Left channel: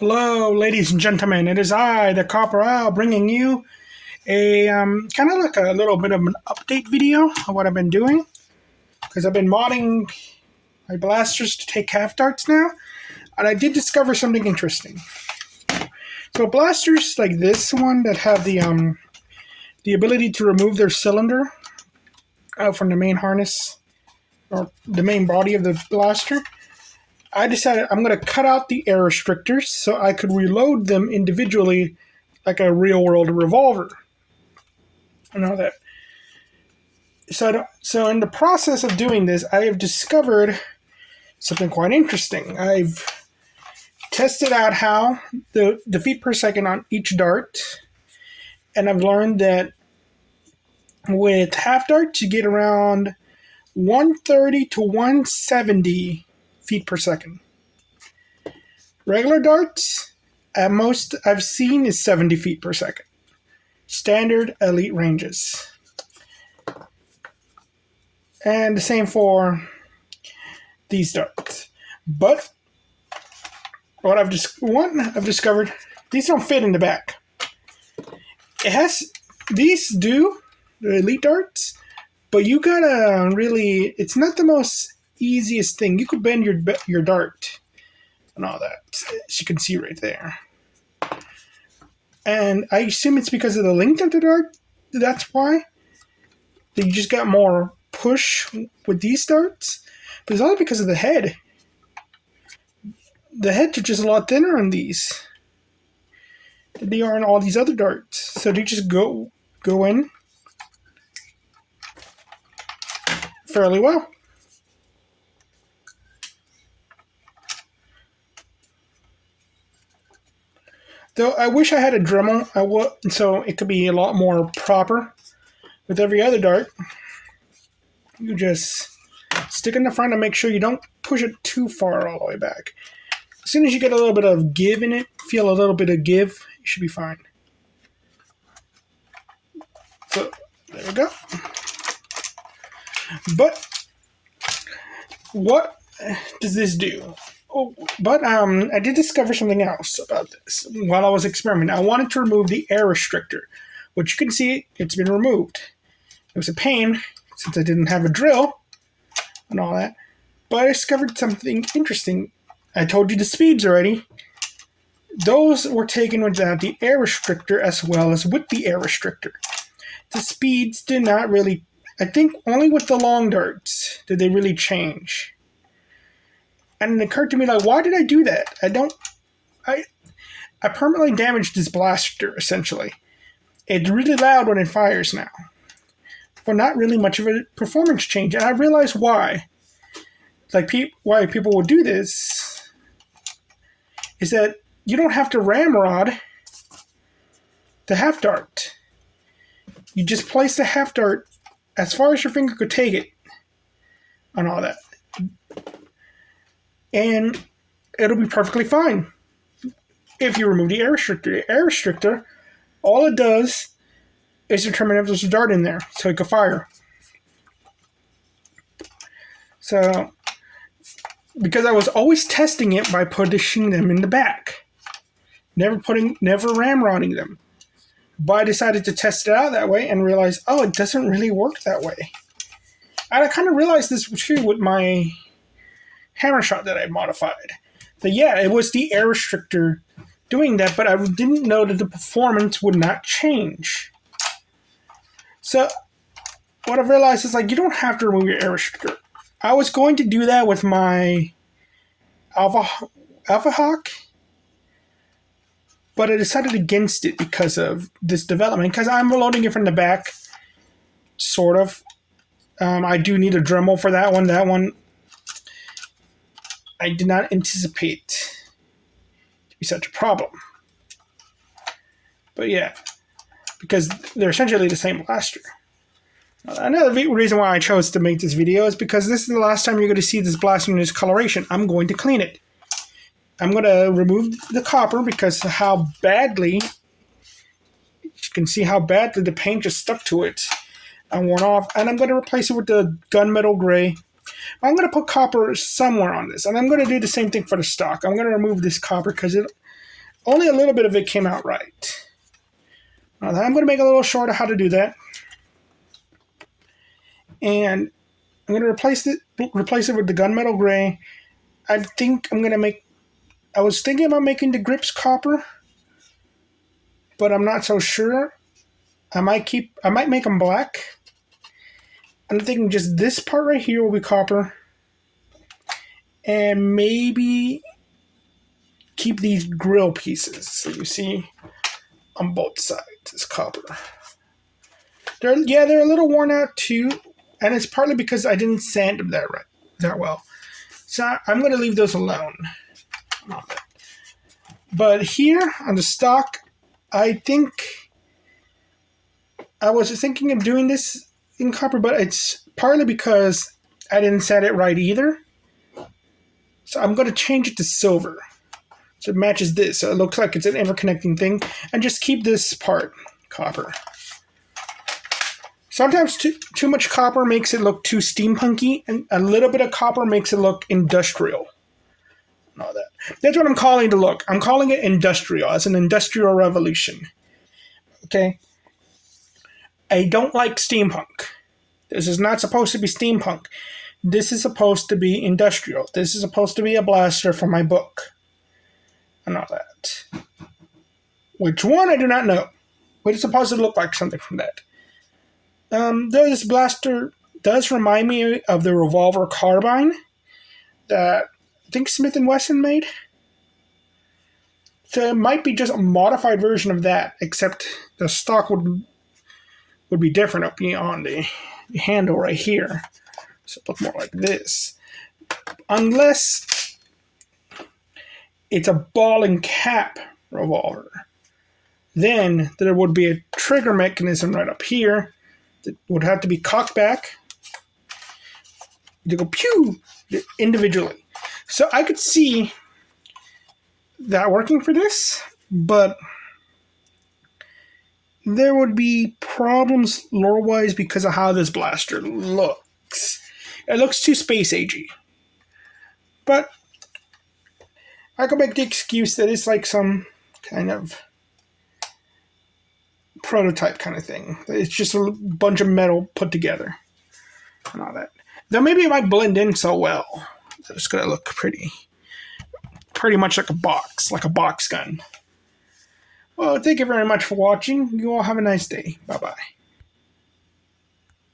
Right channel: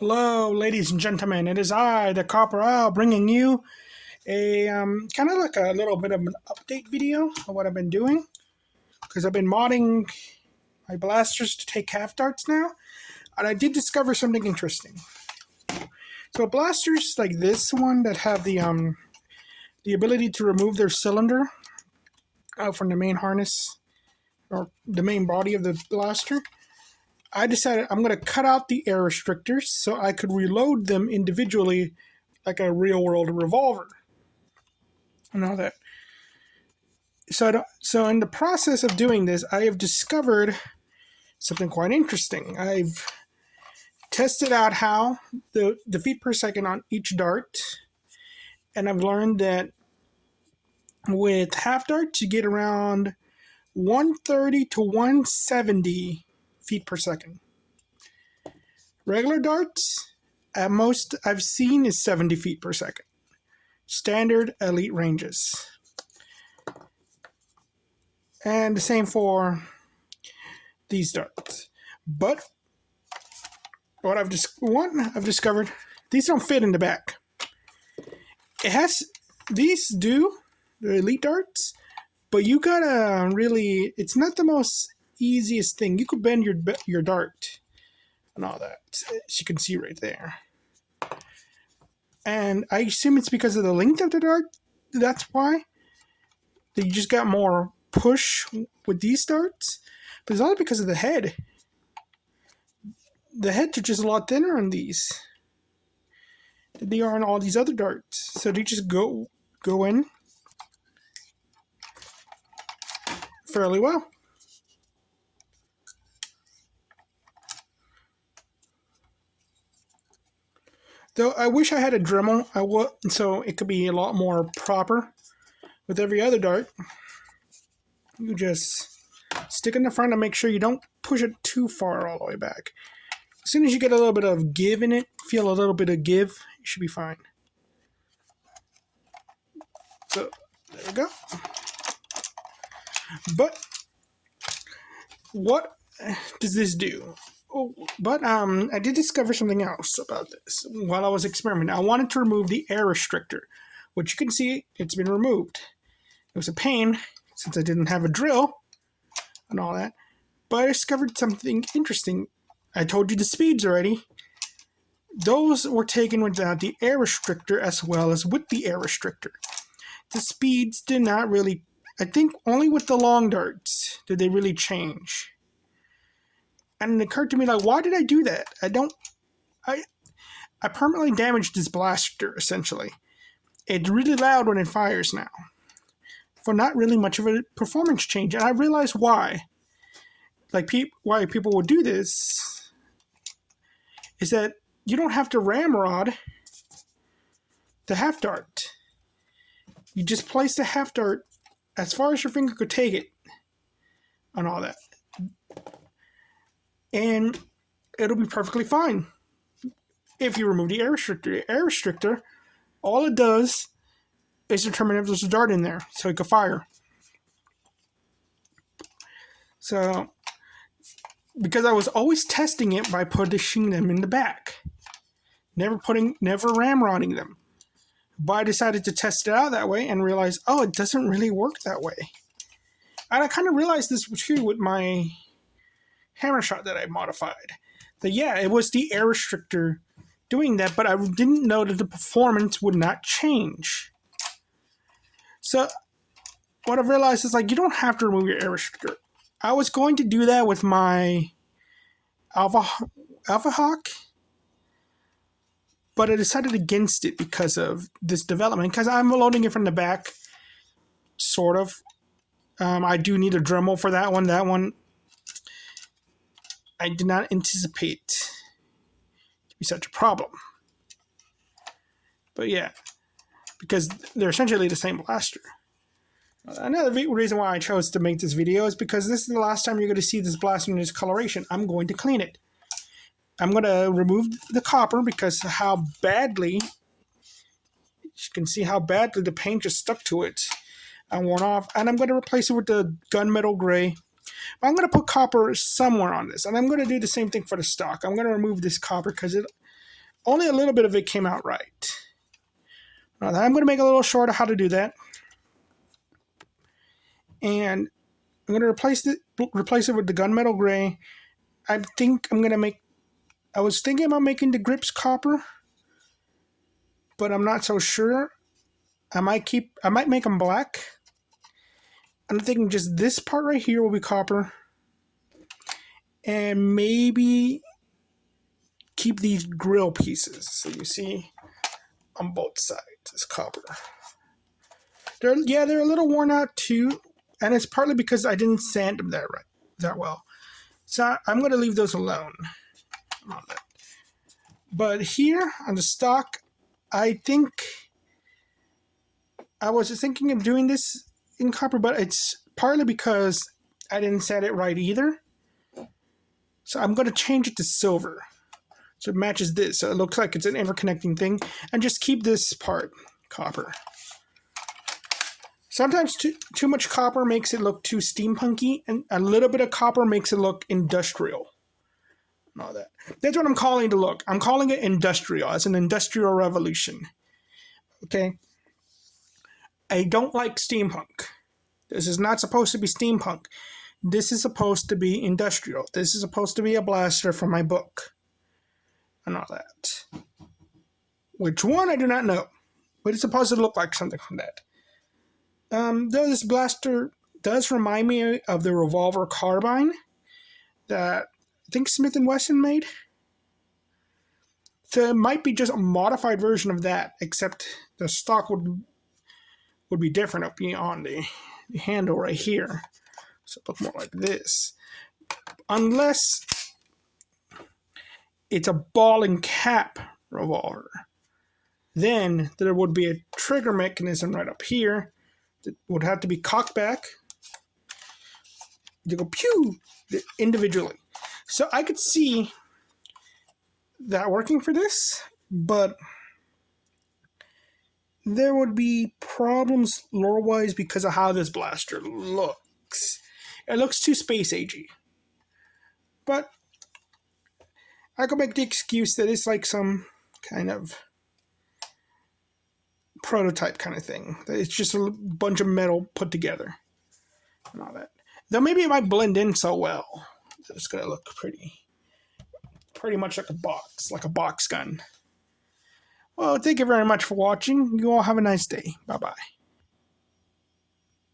Hello, ladies and gentlemen. It is I, the Copper Owl, bringing you a kind of like a little bit of an update video of what I've been doing. Because I've been modding my blasters to take half darts now, and I did discover something interesting. So blasters like this one that have the ability to remove their cylinder out from the main harness or the main body of the blaster. I decided I'm going to cut out the air restrictors so I could reload them individually like a real-world revolver. And all that. So in the process of doing this, I have discovered something quite interesting. I've tested out how the feet per second on each dart, and I've learned that with half darts, you get around 130 to 170 feet per second. Regular darts, at most I've seen, is 70 feet per second. Standard elite ranges. And the same for these darts. But what I've discovered, these don't fit in the back. These do, the elite darts, but you gotta really, it's not the most easiest thing. You could bend your dart and all that, as you can see right there. And I assume it's because of the length of the dart. That's why. You just got more push with these darts. But it's all because of the head. The heads are just a lot thinner on these than they are on all these other darts. So they just go in fairly well. Though I wish I had a Dremel, so it could be a lot more proper. With every other dart, you just stick in the front and make sure you don't push it too far all the way back. As soon as you get a little bit of give in it, feel a little bit of give, you should be fine. So, there you go. But, what does this do? I did discover something else about this while I was experimenting. I wanted to remove the air restrictor, which you can see it's been removed. It was a pain since I didn't have a drill and all that, but I discovered something interesting. I told you the speeds already. Those were taken without the air restrictor as well as with the air restrictor. The speeds did not really, I think only with the long darts did they really change. And it occurred to me, like, why did I do that? I permanently damaged this blaster, essentially. It's really loud when it fires now. For not really much of a performance change. And I realized why. Why people would do this is that you don't have to ramrod the half dart. You just place the half dart as far as your finger could take it and all that. And it'll be perfectly fine if you remove the air restrictor. The air restrictor, all it does is determine if there's a dart in there so it can fire. So, because I was always testing it by pushing them in the back, never ramrodding them. But I decided to test it out that way and realized, oh, it doesn't really work that way. And I kind of realized this too with my hammer shot that I modified. But yeah, it was the air restrictor doing that, but I didn't know that the performance would not change. So what I've realized is, like, you don't have to remove your air restrictor. I was going to do that with my Alpha Hawk, but I decided against it because of this development, because I'm loading it from the back, sort of. I do need a Dremel for that one. That one I did not anticipate to be such a problem. But yeah, because they're essentially the same blaster. Another reason why I chose to make this video is because this is the last time you're going to see this blaster in this coloration. I'm going to clean it. I'm going to remove the copper because of how badly, you can see how badly the paint just stuck to it and worn off. And I'm going to replace it with the gunmetal gray. I'm going to put copper somewhere on this. And I'm going to do the same thing for the stock. I'm going to remove this copper because only a little bit of it came out right. Now, I'm going to make a little short of how to do that. And I'm going to replace it with the gunmetal gray. I think I'm going to make... I was thinking about making the grips copper, but I'm not so sure. I might make them black. I'm thinking just this part right here will be copper. And maybe keep these grill pieces that you see on both sides as copper. They're a little worn out too, and it's partly because I didn't sand them that well. So I'm going to leave those alone. But here on the stock, I think I was thinking of doing this in copper, but it's partly because I didn't sand it right either. So I'm going to change it to silver. So it matches this. So it looks like it's an interconnecting thing. And just keep this part copper. Sometimes too much copper makes it look too steampunky, and a little bit of copper makes it look industrial. And all that. That's what I'm calling the look. I'm calling it industrial. It's an industrial revolution. Okay? I don't like steampunk. This is not supposed to be steampunk. This is supposed to be industrial. This is supposed to be a blaster for my book. And all that. Which one, I do not know. But it's supposed to look like something from that. Though this blaster does remind me of the revolver carbine that I think Smith & Wesson made. So it might be just a modified version of that, except the stock would be different up on the handle right here. So it look more like this. Unless it's a ball and cap revolver. Then there would be a trigger mechanism right up here that would have to be cocked back to go pew individually. So I could see that working for this, but there would be problems lore-wise because of how this blaster looks. It looks too space-agey. But I could make the excuse that it's like some kind of prototype kind of thing. It's just a bunch of metal put together and all that. Now maybe it might blend in so well that it's going to look pretty much like a box gun. Well, thank you very much for watching. You all have a nice day. Bye-bye.